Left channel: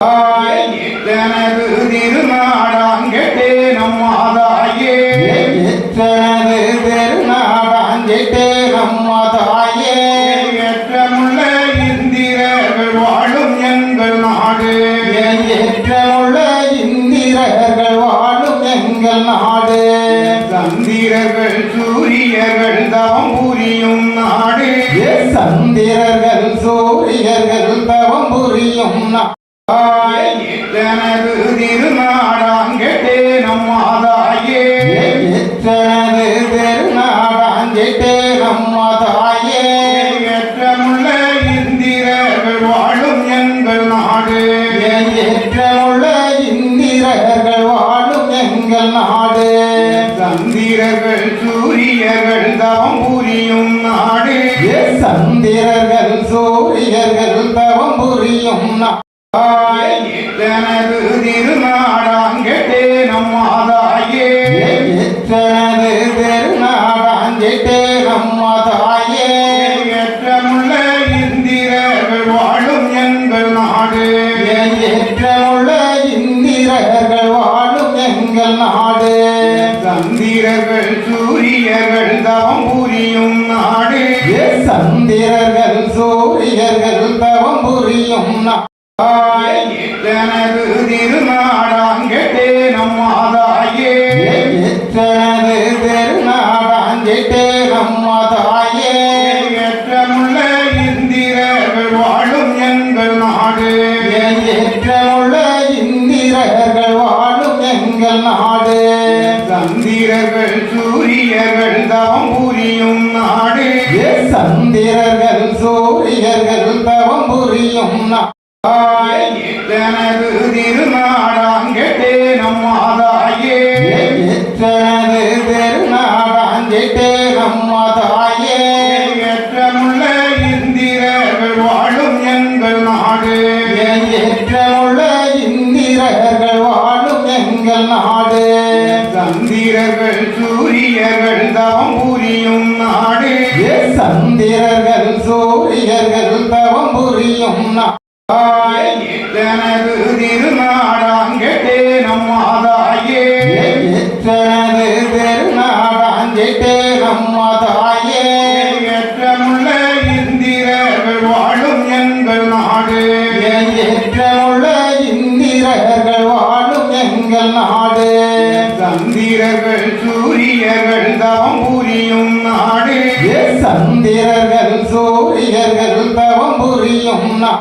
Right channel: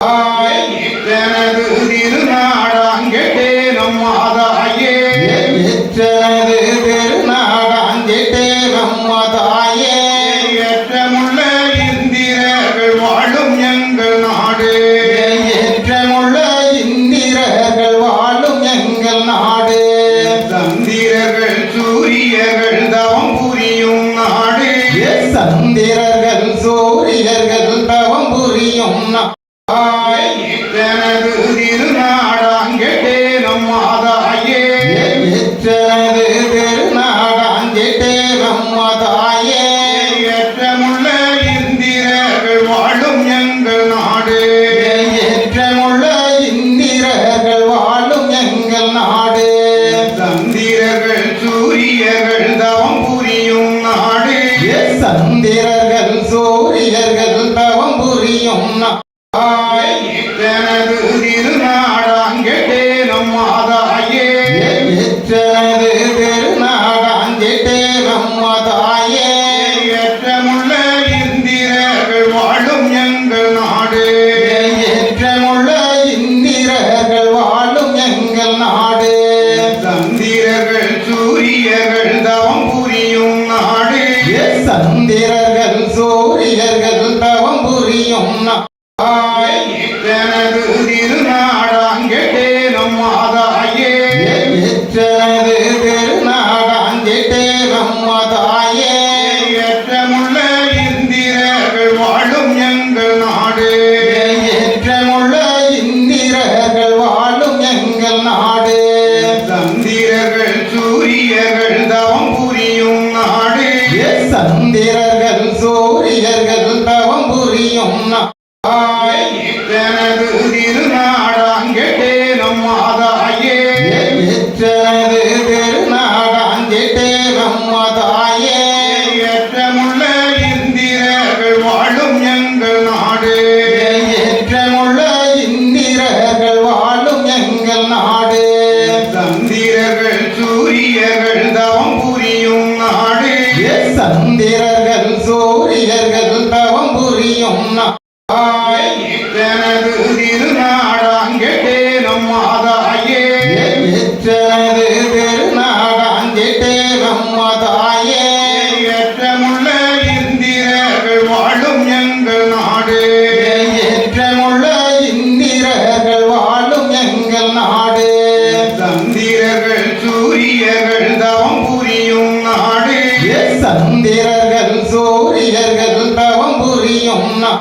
எத்தனது திருநாடாங்கெட்டே நம்மாதாயே எத்தனது பெருநாடாங்கெட்டே நம்மாதாயே ஏற்றமுள்ள இந்திரர்கள் வாழும் எங்கள் நாடு ஏற்றமுள்ள இந்திரர்கள் வாழும் எங்கள் நாடு சந்திரர்கள் சூரியர்கள் தவம் புரியும் நாடு சந்திரர்கள் சூரியர்கள் தவம் புரியும் எத்தனது திருநாடாங்கெட்டே நம்மாதாயே எத்தனது பெருநாடாங்கெட்டே நம்மாதாயே ஏற்றமுள்ள இந்திரர்கள் வாழும் எங்கள் நாடு ஏற்றமுள்ள இந்திரர்கள் வாழும் எங்கள் நாடு சந்திரர்கள் சூரியர்கள் தவம் புரியும் நாடு சந்திரர்கள் சூரியர்கள் தவம் புரியும் எத்தனது திருநாடாங்கெட்டே நம்மாதாயே எத்தனது பெருநாடாங்கெட்டே நம்மாதாயே ஏற்றமுள்ள இந்திரர்கள் வாழும் எங்கள் நாடு ஏற்றமுள்ள இந்திரர்கள் வாழும் எங்கள் நாடு சந்திரர்கள் சூரியர்கள் தவம் புரியும் நாடு சந்திரர்கள் சூரியர்கள் தவம் புரியும் எத்தனது திருநாடாங்கெட்டே நம்மாதாயே எத்தனது பெருநாடாங்கெட்டே நம்மாதாயே ஏற்றமுள்ள இந்திரர்கள் வாழும் எங்கள் நாடு ஏற்றமுள்ள இந்திரர்கள் வாழும் எங்கள் நாடு சந்திரர்கள் சூரியர்கள் தவம் புரியும் நாடு சந்திரர்கள் சூரியர்கள் தவம் புரியும் எத்தனது திருநாடாங்கெட்டே நம்மாதாயே எத்தனது பெருநாடாங்கெட்டே நம்மாதாயே ஏற்றமுள்ள இந்திரர்கள் வாழும் எங்கள் நாடு ஏற்றமுள்ள இந்திரர்கள் வாழும் எங்கள் நாடு சந்திரர்கள் சூரியர்கள் தவம் புரியும் நாடு சந்திரர்கள் சூரியர்கள் தவம் புரியும் எத்தனது